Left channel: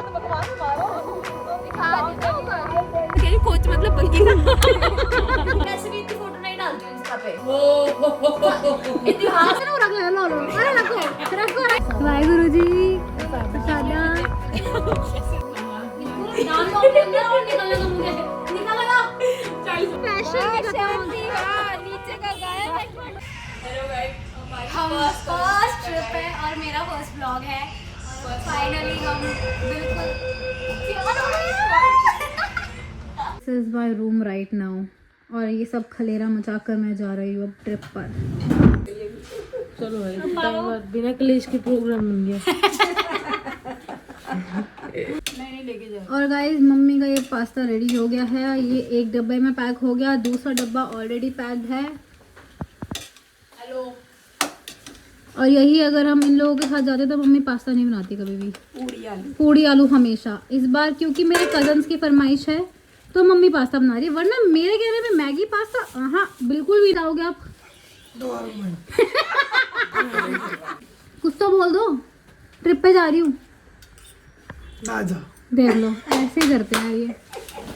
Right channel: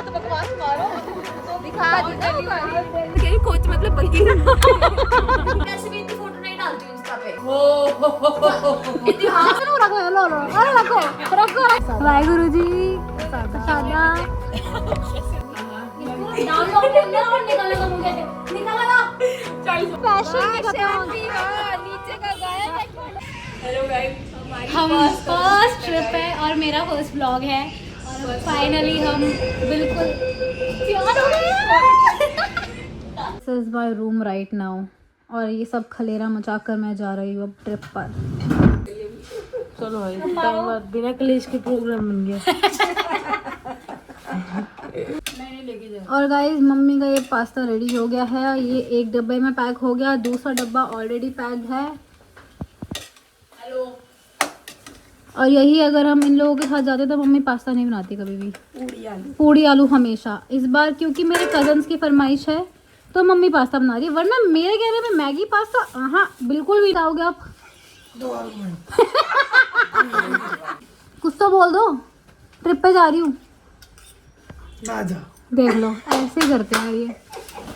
बकवास मारो तो दिखा दी ना ऊपर क्या कोच मतलब बल्कि ऐसे भी इतनी फोटो नहीं डालती हूं इंस्टा पे इतिहास ना रखो लो लो अरे रखो रखो वाहेगुरु जी सादा डाल दो अंदर और निकालना मुझे निकालना 40 फैशन में खत्म हो गया नीचे का गायब हेलो गाइस हम फर्स्ट ट्रिप है और मेरा फर्स्ट व्लॉग है और फाइनली हम बिल्कुल तैयार हो गए। This is my room right now और ये सब खलेरा मचाकर मैं जा रही हूँ अब ट्रिप पर। चलो भाई टाइम बिना क्लेश के प्रोग्राम बन गया। मैं नहीं लेके जा। और गाइस मम्मी का ये पास्ता रेडी हो गया है, ये एक डब्बे में पैक हो गया, दूसरा डब्बा ऑलरेडी पैक्ड है। हेलो। और यही अगर हम इन लोगों के साथ जाते तो मम्मी पास्ता नहीं बनाती कभी भी, पूड़ी आलू हमेशा। इस बार क्योंकि मेरे कजन्स की फरमाइश है तो मम्मी पास्ता बना रही है, वरना मेरे कहने पे मैगी पास्ता हाँ बिल्कुल भी खाओगे आप। कुछ तो बोल दो, ट्रिप पे जा रही हूँ ना जा। देख लो ऐसे ही करते हैं ये।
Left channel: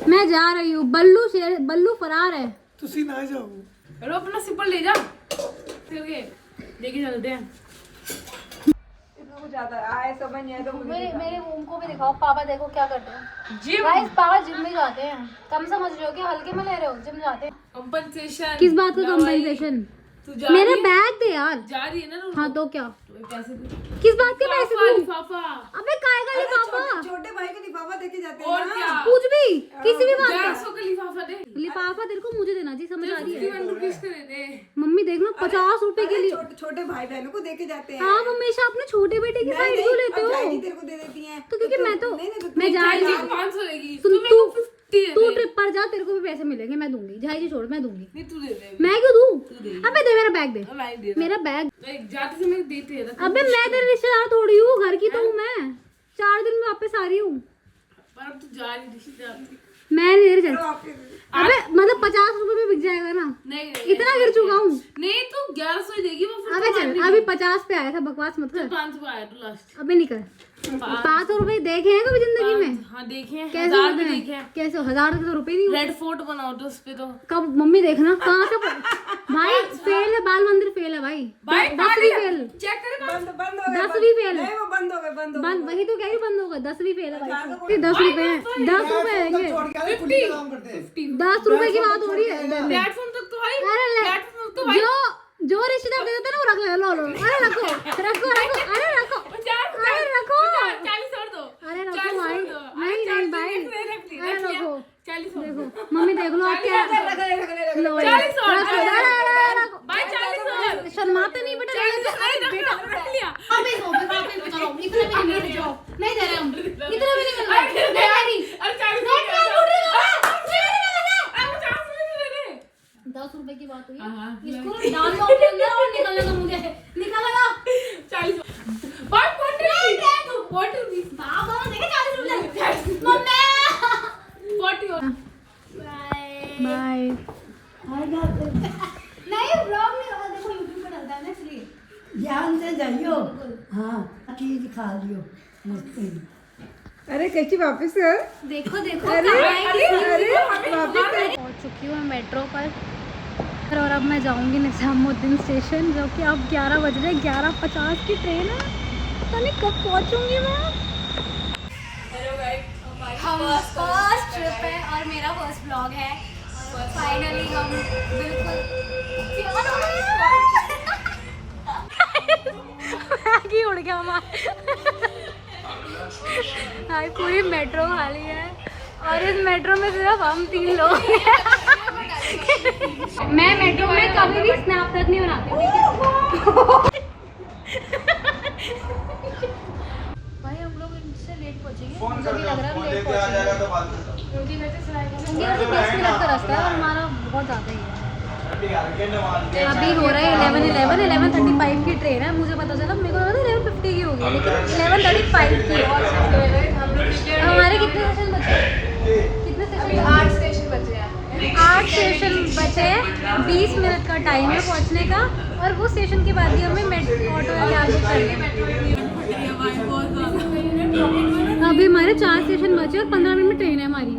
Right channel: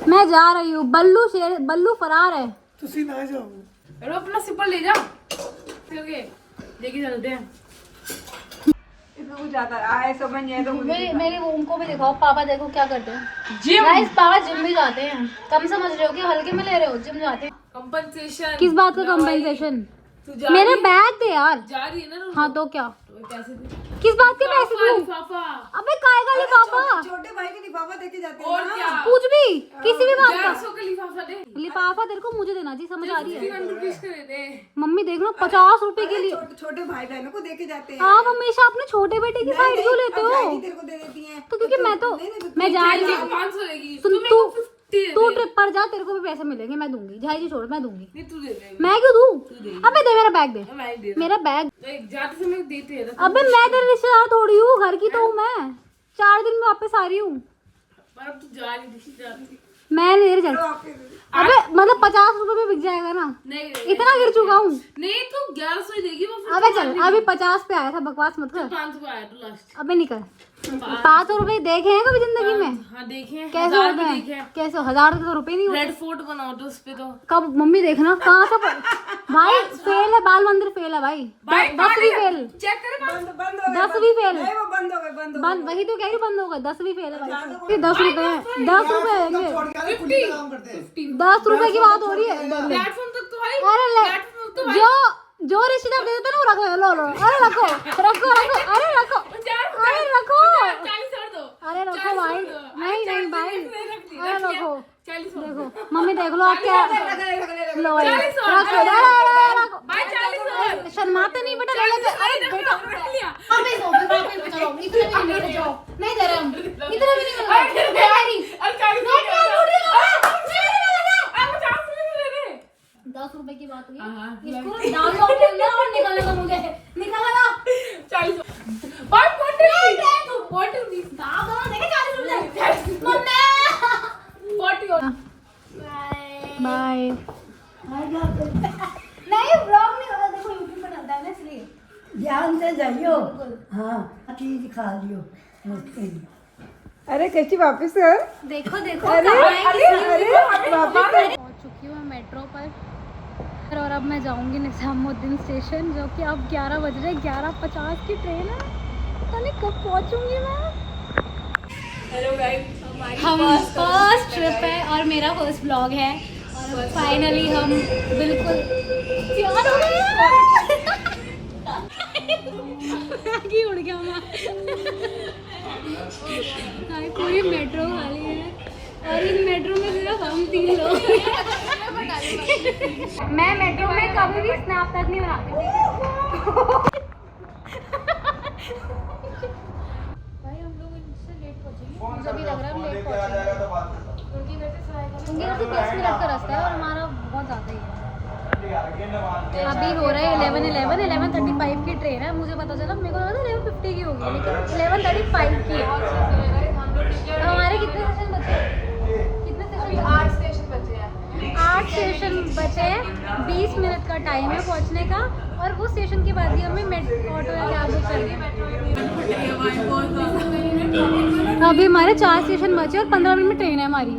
मैं जा रही हूँ, बल्लू फरार है। तुसी ना जाओ। हेलो अपना सिपल ले जा। ओके लेके चलते हैं। मेरे रूम को भी दिखाओ। पापा देखो क्या करते हैं। गाइस पापा जिम भी जाते हैं। कम समझ रहे हो कि हल्के में ले रहे हो, जिम जाते हैं। कंपनसेशन किस बात का कंपनसेशन? मेरा बैग दे यार। जा रही है ना। हाँ तो क्या, पैसे दे। किस बात के पैसे दूं? लिफाफा। अबे काय का लिफाफा? छोटे भाई के लिफाफा देके जाते और क्या? कुछ भी, किसी भी बात 150 का का लिफाफा दे। लिफाफा तेरे को मुझे देना जी, समझ आ रही है? 51 रुपीस का दे दे। मम्मी देख लो 50 रुपए के लिए। छोटे भाई बहनों को देके जाते हैं। आप हमेशा अपने छोटे बेटे की साइड क्यों लेते हो? तेरे को दे देती हैं। तो क्योंकि मैं जा रही हूँ। 500 लेगी। तू ट्रिप पर जा, तेरे को भी पैसे मिलेंगे, मैं दूंगी। झाई जी छोड़, मैं दूंगी। नहीं तू दे दे। मैं क्यों दूं? अबे दे मेरा बैग दे, मैं दे मेरा बैग। जाते समय देते हैं। अबे मैं तेरे रिश्तेदार थोड़ी हूँ, घर की तो हूँ मैं। 4 दिन में वापस आ रही हूँ। पर अब तू जा रही। मैं नहीं दे रही। अबे मतलब 50 रुपए में बिक जाएगा ना? नहीं इतना गिर चुका हूँ। नहीं तू 1100 ही देगी। अबे चल, अभी 50 पे आया था, बकवास मत कर। 500 आया तो लास्ट। अबे निकल। 500 रुपए देखे हैं कभी जिंदगी में? हाँ देखे हैं। कैसे होते हैं? कैसे 1000 के तो रुपए नहीं होते। रेड फोर्ट बनाओ तो उस पे तो कब मम्मी देखना कहाँ से भाई फेल है, बाल मंदिर फेल है भाई। 10वीं फेल। चेक करे बंद हो 10वीं फेल। गए। वो बंद हो गए। बंद वही तो कह रही, बंद होगा। 10वीं फेल है। 10 रुपए हैं, 10 रुपए आएंगे। 10 रुपए की बात हो रही है। प्लेटफॉर्म तक तो भाई। अरे जो रिश्तेदार दे देते ना वो रखो लो लो। अरे रखो रखो रखो, अरे रखो, अरे रखो, 40 और दो। अरे रखो भाई। नहीं नहीं भाई, अरे रखो। 40 देखो मम्मी देख लो आप क्या लो ये। रखो भाई 40 और। शर्माते नहीं बेटा, अरे बेटा रख लिया। नहीं दे रहे हम, इतना भी नहीं। 10 रुपए की बात हुई, इसको डाल दो अपने अंदर और निकालने दो मुझे। निकालना 40 भाई 40 दाब दो, देखे 40 रुपए मम्मी। 40 और। बाय। नहीं ब्लॉग नहीं होगा, देखो यूट्यूब पे डलता है ना इसलिए ध्यान से जाइयो। हाँ चीज खा लियो मस्ती। अरे कैसी वापस है? देखो देखो। अरे वापस पहुंच चुकी हूँ मेट्रो पर और अब मैं जाऊंगी निजामुद्दीन स्टेशन, जो कि अब 11 बज रहे, 11:50 की ट्रेन है। पता नहीं कब पहुंचूंगी मैं। हम फर्स्ट ट्रिप है और मेरा फर्स्ट व्लॉग है और फाइनली हम बिल्कुल तैयार हो गए। मैगी उड़ गया हमारा। पूरी मेट्रो खाली है और इस मेट्रो में सिर्फ हम 3 लोग हैं। मैं मेट्रो में कभी भी स्नैप तक नहीं बनाती हूँ। भाई हम लोग इनसे लेट पहुंचेंगे, मुझे भी लग रहा है हम लेट पहुंचेंगे क्योंकि वैसे का रास्ता है और हमारा बहुत ज़्यादा ही है। अभी हो रहा है 11:35 की ट्रेन है। मुझे पता चला, मेरे को लगा था 11:50 की होगी, लेकिन 11:35 की है। हमारे कितने स्टेशन बचे? कितने स्टेशन? 8 स्टेशन बचे हैं। 8 स्टेशन बचे, 20 मिनट का टाइम है पहुंचने का, और वो स्टेशन के बाद ही हमें ऑटो में आगे चलना है। अभी हमारे 4 स्टेशन बचे और 15 मिनट में ट्रेन है हमारी।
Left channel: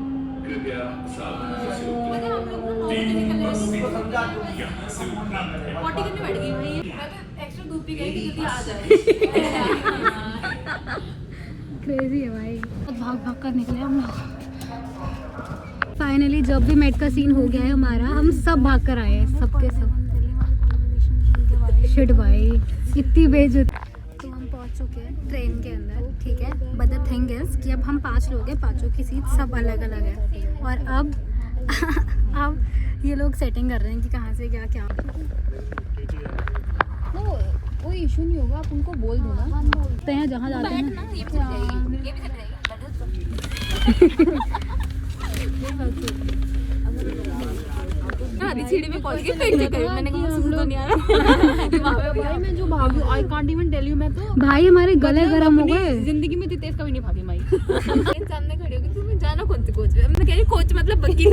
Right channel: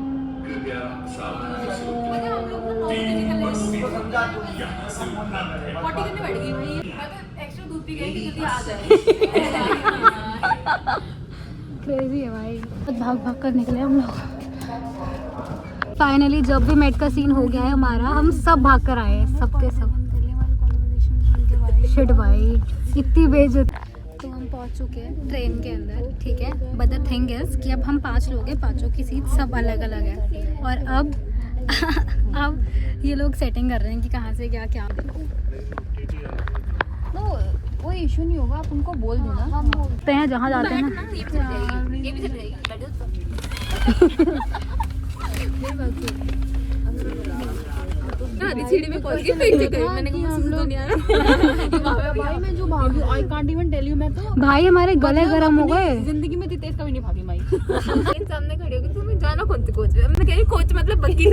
क्रेजी है भाई, भाग भाग कर निकले हम लोग। फाइनली जब भी मेट का सीन हो गया है हमारा, हम सब भाग कर आए हैं, सबके सब। शिट भाई, इतनी बेइज्जती। तो हम पहुंच चुके हैं ट्रेन के अंदर, ठीक है। बट द थिंग इज कि अब हम 5 लोग हैं, 5 की सीट सब अलग अलग है, और अब अब ये लोग सेटिंग कर रहे हैं कि कहाँ से क्या क्या। वो इशू नहीं होगा, आप उनको बोल दो ना। तो हैं जहाँ जाते हैं ना, सीढ़ी में पहुंच गई, मैंने कहा हम लोग नहीं आ रहा। भाई मैं जो भागी, I can't even tell you. मैं तो भाई हमारे गले गर्म हो गए। जिंदगी में तेज कभी नहीं भागी भाई। सामने खड़ी होगी, तुम्हें जाना कौन से कोच में? मैं कह रही कोच मतलब बग्गी।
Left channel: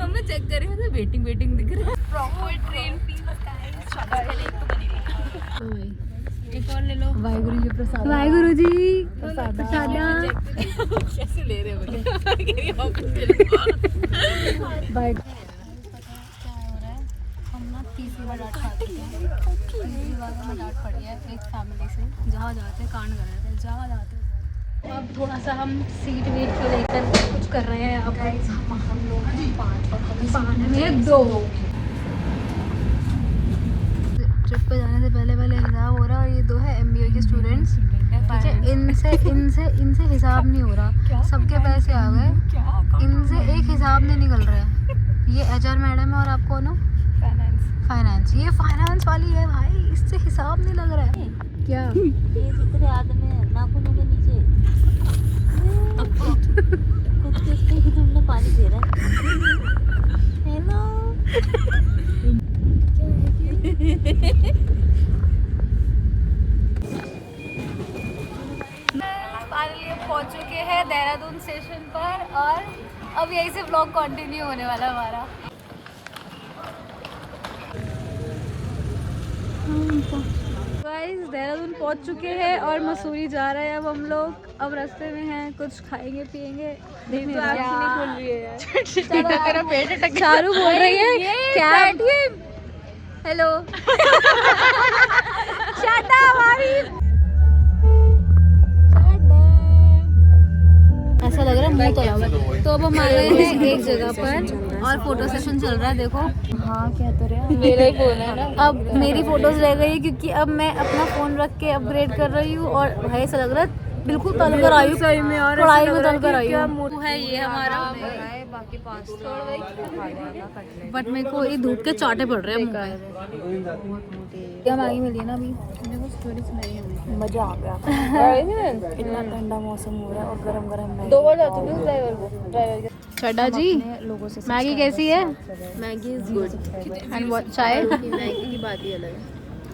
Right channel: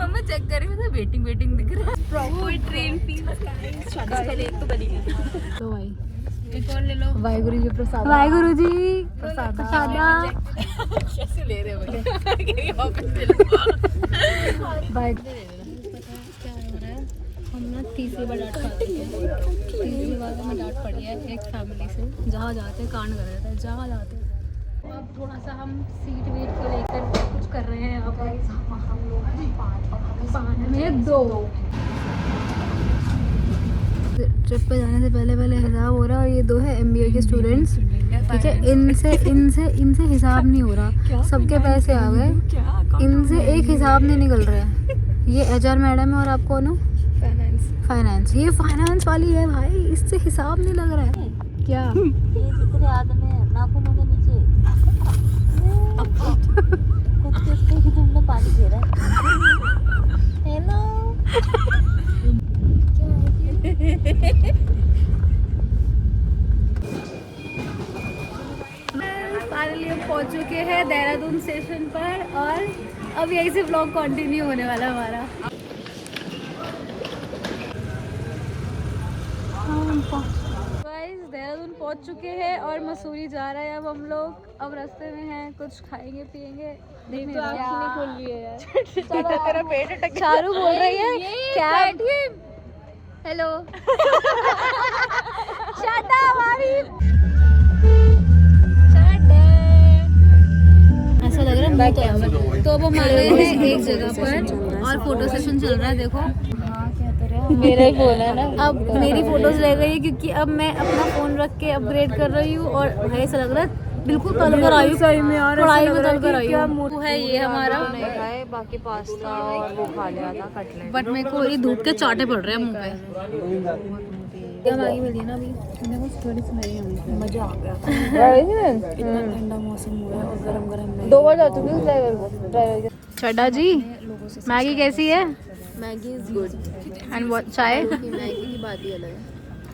हम चेक कर रहे थे, वेटिंग दिख रहा है। Proper train feel guys. पहले एक तो बनी हुई। तो भाई एक और ले लो। वाहिगुरु जी प्रसाद। वाहिगुरु जी प्रसाद। कैसे ले रहे हो भाई? पता क्या हो रहा है, हम ना तीसरी बार डांट खा चुके हैं। तीसरी बार हमें डांट पड़ी है एक फैमिली से। जहाँ जाते कांड कर रहे थे, जहाँ जाते। अब थोड़ा सा हम सीट वेट को लेकर कुछ कर रहे हैं। अब हम लोग हैं 5 और हम 5 में 2। ट्रिप पे जाने से पहले हिसाब हो रहा है, और ये 2 है MBA के स्टूडेंट्स, ठीक है। इनसे हिसाब नहीं हो रहा, सबके पैसे आ गए, इनसे एक हिसाब नहीं निकल रहा है। ये HR मैडम है, और आप कौन हो? फाइनेंस। ये फाइनेंस वाली है भाई, इससे हिसाब नहीं लग रहा है। क्या ये जितने आदमी है नाखूनों के नीचे कुछ पानी दे रहा है। हेलो फाइनली हम पहुंच चुके हैं देहरादून स्टेशन पर, और अब यहीं से व्लॉग कंटिन्यू होने वाला है हमारा। गाइस देहरादून पहुंच चुके हैं और मसूरी जा रहे हैं अब हम लोग। अब रास्ते में हैं, कुछ खाएंगे पिएंगे, देख नहीं रहा। चारू बोल रही है cab. Hello shut up Arif. ऐसा लग रहा है मुंह तो। तो अब हम आ गए हैं एक जगह पर और फोटो सेशन चल रहा है। देखो हाँ क्या कर रहे हो, मेरा ही बोल है ना। अब मेरी फोटोज रह गई है क्योंकि अब मैं अपना फोन रख के अपग्रेड कर रही हूँ, और भाई ऐसा लग रहा है बिल्कुल तल कर आई हूँ, कढ़ाई में तल कर आई हूँ। वो है ये हमारा, बाकी पास्ता और वो खा लिया था कटलेट। बट मेरे को ये धूप के चाटे पड़ रहे हैं मुंह पे। क्या मैगी मिली है ना अभी, मजा आ गया। इतना ठंडा मौसम हो रहा है और गरम गरम 2 बार जाती। चड्डा जी मैगी कैसी है? Maggi is good and what चाय? मैगी की बात ही अलग है।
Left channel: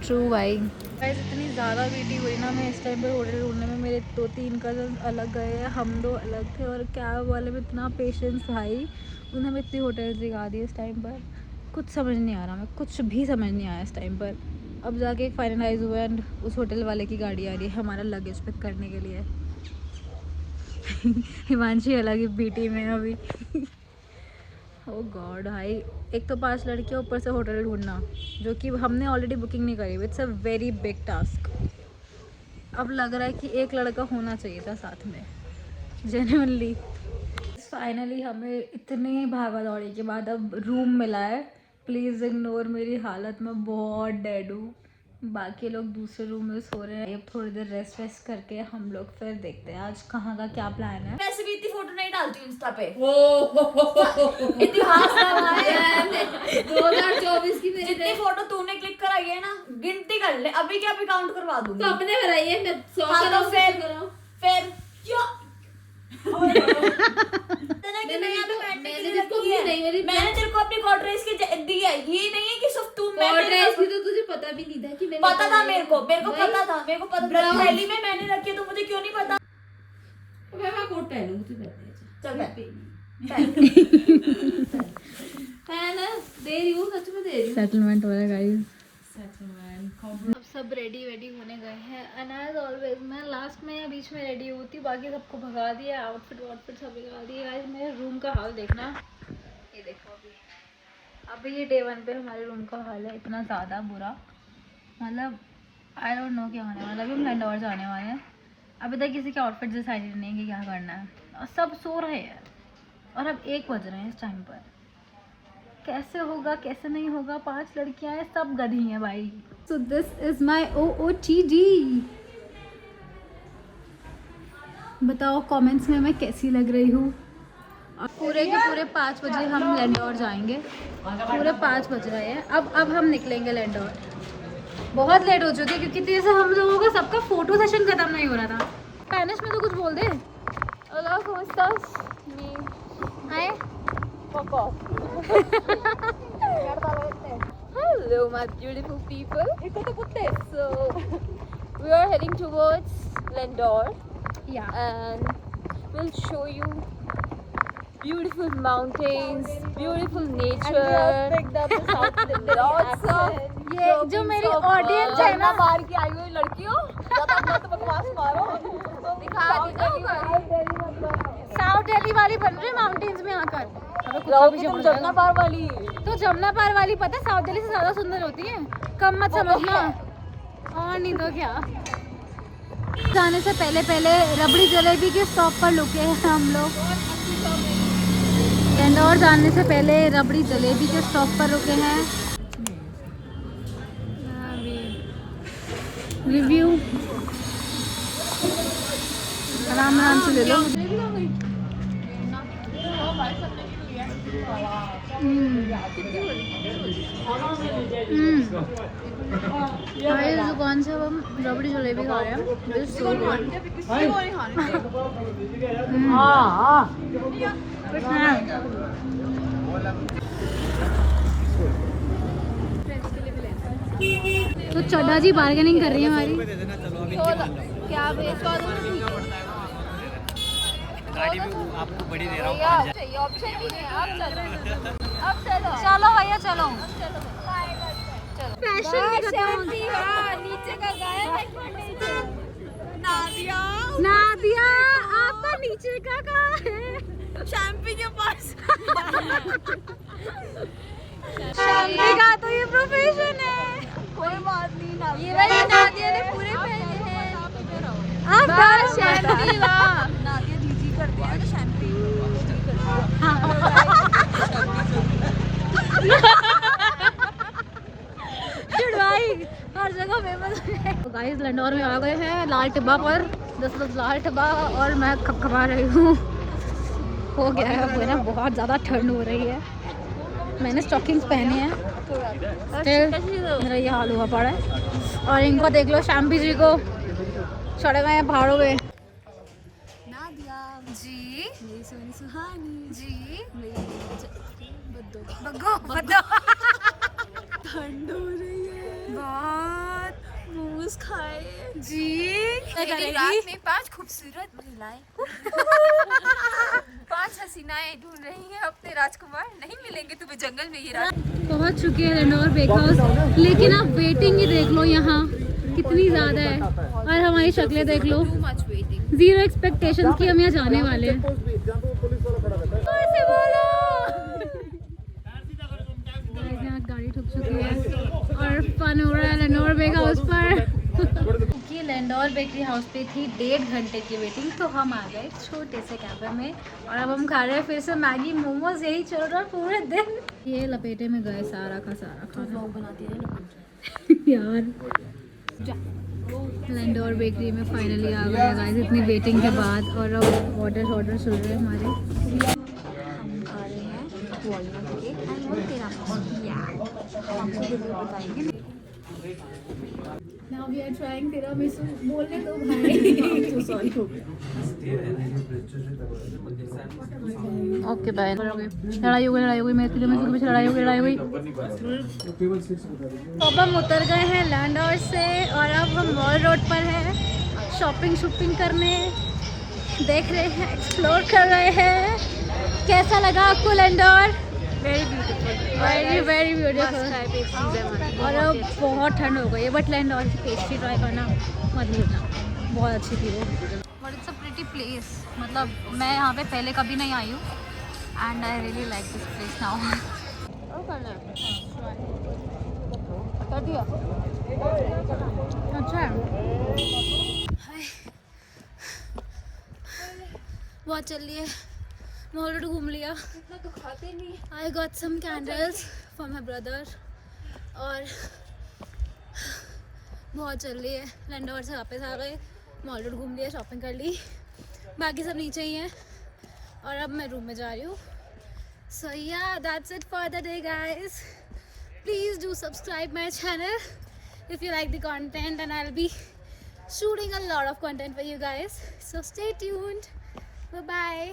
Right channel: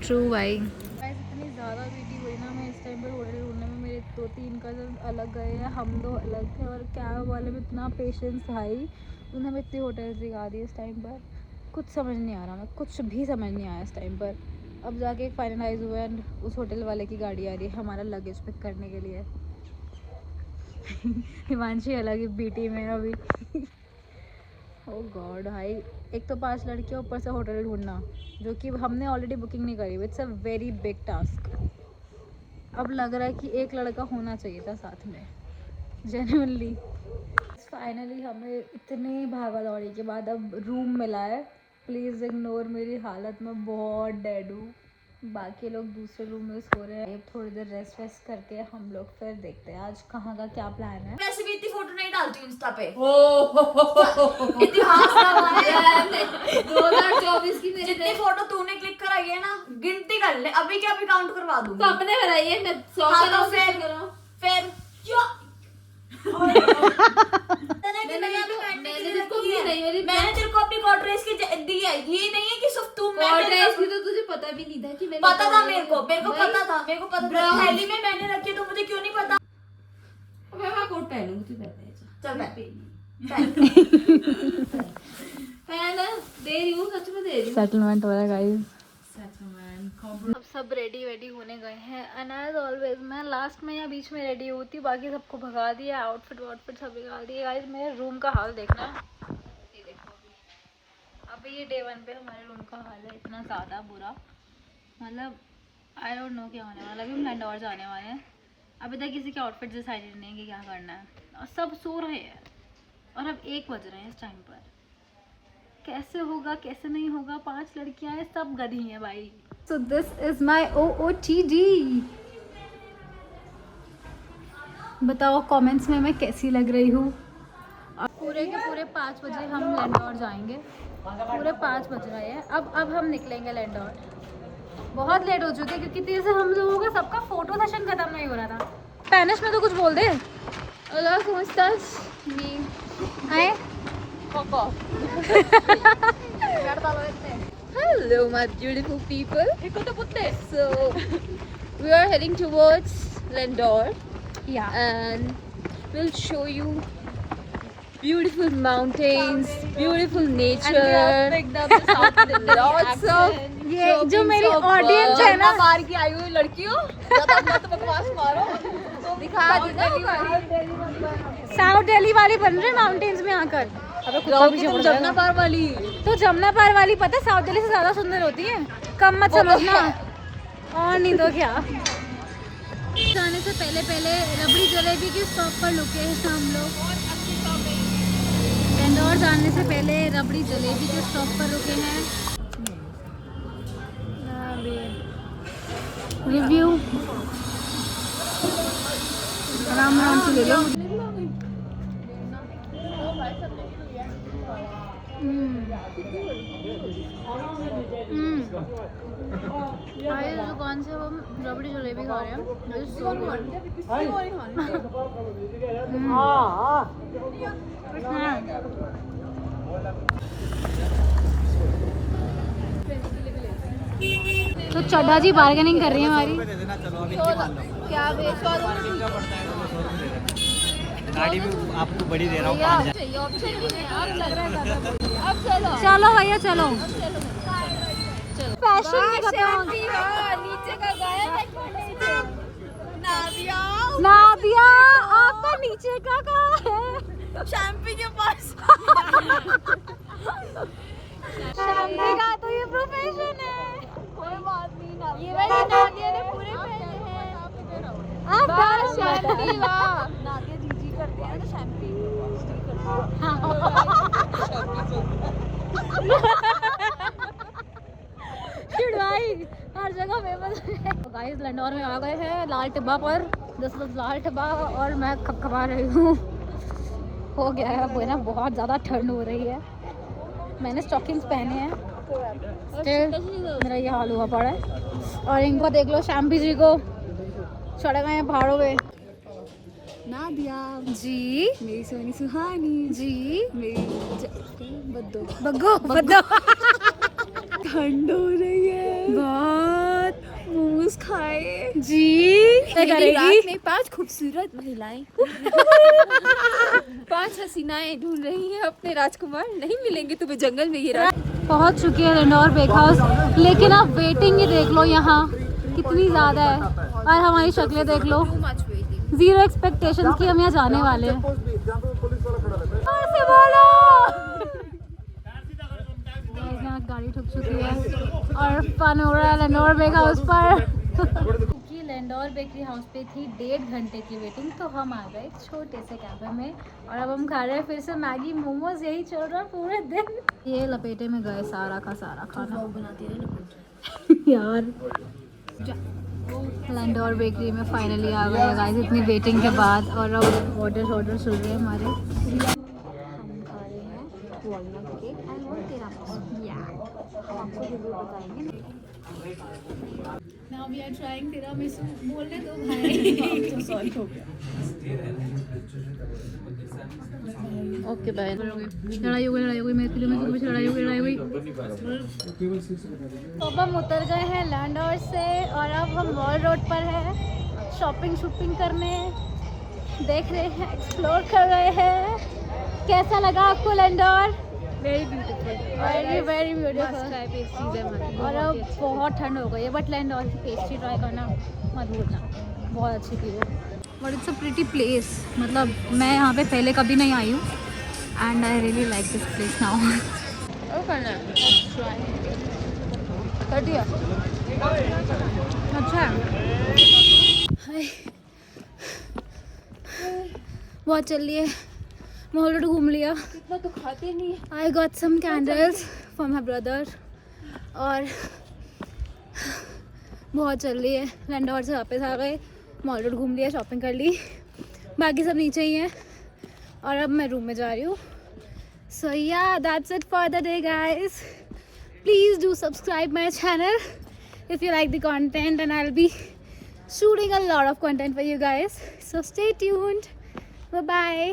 ट्रू भाई। इतनी ज़्यादा वेटी हुई ना, मैं इस टाइम पर होटल ढूंढने में, मेरे 2-3 कजन अलग गए हैं, हम 2 अलग थे, और कैब वाले में इतना पेशेंस भाई, उन्होंने हमें इतनी होटल्स दिखा दी इस टाइम पर। कुछ समझ नहीं आ रहा, मैं कुछ भी समझ नहीं आया इस टाइम पर। अब जाके फाइनलाइज हुआ एंड उस होटल वाले की गाड़ी आ रही है हमारा लगेज पिक करने के लिए। हिमांशी अलग ही बीटी में अभी। ओह गॉड भाई, एक तो 5 लड़कियां ऊपर से होटल ढूंढना, जो कि हमने ऑलरेडी बुकिंग नहीं करी। It's a very big task. अब लग रहा है कि एक लड़का होना चाहिए था साथ में, जेन्युइनली। फाइनली हमें इतनी भागा दौड़ी के बाद अब रूम मिला है। प्लीज़ इग्नोर मेरी हालत, मैं बहुत डेड हूँ। बाकी लोग दूसरे रूम में सो रहे हैं। अब थोड़ी देर रेस्ट वेस्ट करके हम लोग फिर देखते हैं आज कहाँ का क्या प्लान है। वैसे भी इतनी फोटो नहीं डालती हूँ इंस्टा पे। 2024 की मेरी जितनी फोटो तूने क्लिक कराई है ना, गिनती कर ले, अभी क्या अभी काउंट करवा दूंगी। तो अपने कराई है, मैं 100 करूँ फिर मैंने तेरे को अपनी कॉर्ड्रेस की दी है। ये नहीं है कि सिर्फ तू कॉर्ड्रेस की, तो तुझे पता भी नहीं था कि मैंने पता था। मेरे को पता था, मेरे को पता था। थैली में मैंने रखी है तो मुझे क्यों नहीं पता। मैं कोट पहनूंगी, तू पहन ले। चल पहन दे रही हूँ, सच में दे रही हूँ। सेटलमेंट हो रहा है गाइस। अब सब रेडी होने गए हैं एंड एज ऑलवेज मैं लास्ट में या बीच में रेडी होती हूँ, बाकी सबको भगा दिया, आउटफिट सब निकाल दिए। गाइस मेरे रूम का हाल देखना, ये देखो अभी ये डे 1 पे हमारे रूम का हाल है इतना ज़्यादा बुरा, मतलब आई डोंट नो क्या होने वाला। अभी हम लैंडोर जाने वाले हैं, अभी तक किसी का आउटफिट डिसाइडेड नहीं है कि क्या करना है, और सब सो रहे हैं और अब 1 बज रहे हैं इस टाइम पर। कैसे होगा कैसे नहीं होगा, 5 लड़कियां हैं, सब गधी हैं भाई। So this is my OOTD। बताओ कमेंट्स में मैं कैसी लग रही हूँ। पूरे के पूरे 5 बजे हम लैंडोर जाएंगे, पूरे 5 बज रहे हैं। अब हम निकलेंगे लैंडोर, बहुत लेट हो चुकी है क्योंकि जैसे हम लोगों का सबका फोटो सेशन खत्म नहीं हो रहा था। स्पेनिश में तो कुछ बोल दे। Hola, ¿cómo estás? आए? Hello, my beautiful people. So we are heading towards Lendor, Yeah. and we'll show you beautiful mountains, beautiful nature, lots of ये जो मेरी ऑडियंस है ना, बाहर की आई हुई लड़कियों, ज्यादा मत बकवास मारो, तो दिखा दी ना साउथ दिल्ली वाले बन रहे माउंटेन्स में आकर। तुम जमुना पार वाली। तो जमुना पार वाली पता है साउथ दिल्ली से ज्यादा सुंदर होती है, कम मत समझना। और नहीं तो क्या। जाने से पहले रबड़ी जलेबी के स्टॉप पर रुके हैं हम लोग। इंदौर जाने से पहले रबड़ी जलेबी के स्टॉप पर रुके हैं। रिव्यू आराम से ले लो। इस दुकान से अब हम रबड़ी जलेबी खा रहे हैं। This is so good. तो चड्डा जी बार्गेनिंग कर रही है हमारी। क्या बेचवा दो। गाड़ी भी आपको बड़ी दे रहा हूँ 5,000। अब चलो चलो भैया चलो। फैशन में नीचे का गाया नादिया नादिया आपका नीचे का कहाँ है? शैम्पी के पास। शैम्पी का तो ये प्रोफेशन है। कोई बात नहीं ना, ये वाली नादिया ने पूरे पहने हैं। आप बस शैम्पी ला नादिया जी करते हैं तो शैम्पी वो जी करते हैं। चिड़वाई हर जगह फेमस है। गाइस लैंडोर में आ गए हैं, लाल टिब्बा पर 10 लाल टिब्बा, और मैं खपखपा रही हूँ। हो गया है वो ना, बहुत ज़्यादा ठंड हो रही है। मैंने स्टॉकिंग्स पहने हैं, फिर मेरा ये हाल हुआ पड़ा है। और इनको देख लो, शैम्पी जी को चढ़े हुए हैं पहाड़ों में। नादिया जी मेरी सोनी सुहानी जी बग्गो बद्दो ठंड हो रही है, बहुत मोमोज खाए जी क्या करेगी? रात में 5 खूबसूरत महिलाएं 5 हसीनाएं ढूंढ रही हैं अपने राजकुमार, नहीं मिलेंगे तुम्हें जंगल में ये रात। पहुंच चुके हैं लैंडोर बेक हाउस, लेकिन आप वेटिंग ही देख लो यहाँ कितनी ज़्यादा है, और हमारी शक्लें देख लो, 0 एक्सपेक्टेशंस की हम यहाँ जाने वाले हैं। और से बोलो। Guys, यहाँ गाड़ी ठुक चुकी है और फन हो रहा है लैंडोर बेक हाउस पर। कि लैंडोर बेकरी हाउस पे थी 1.5 घंटे की वेटिंग, तो हम आ गए छोटे से कैफे में, और अब हम खा रहे हैं फिर से मैगी मोमोज। यही चल रहा है पूरे दिन। ये लपेटे में गए सारा का सारा खाना बनाती है यार। लैंडोर बेकरी में फाइनली आ गए गाइस इतनी वेटिंग के बाद, और अब ऑर्डर चल रहे हैं हमारे। Now we are trying tiramisu. बोलने दो भाई। Okay bye. लड़ाई हो गई मेरे tiramisu के पीछे लड़ाई हो गई। अब हम उतर गए हैं लैंडोर से, और अब हम मॉल रोड पर हैं शॉपिंग करने। देख रहे हैं, एक्सप्लोर कर रहे हैं। कैसा लगा आपको लैंडोर? Very very beautiful. और अब बहुत ठंड हो गई है, बट लैंडोर की पेस्ट्री ट्राई करना मत भूलना, बहुत अच्छी थी वो। But it's a pretty place, मतलब मैं यहाँ पे पहले कभी नहीं आई हूँ and I really like this place now. अच्छा हाय, बहुत चल रही है, मॉल घूम लिया। इतना तो खाते नहीं। I got some candles for my brother और बहुत चल रही है। लैंडोर से वापस आ गए, मॉल रोड घूम लिया, शॉपिंग कर ली, बाकी सब नीचे ही हैं और अब मैं रूम में जा रही हूँ। सो या that's it for the day guys. Please do subscribe my channel if you like the content, and I'll be shooting a lot of content for you guys, so stay tuned. Bye bye.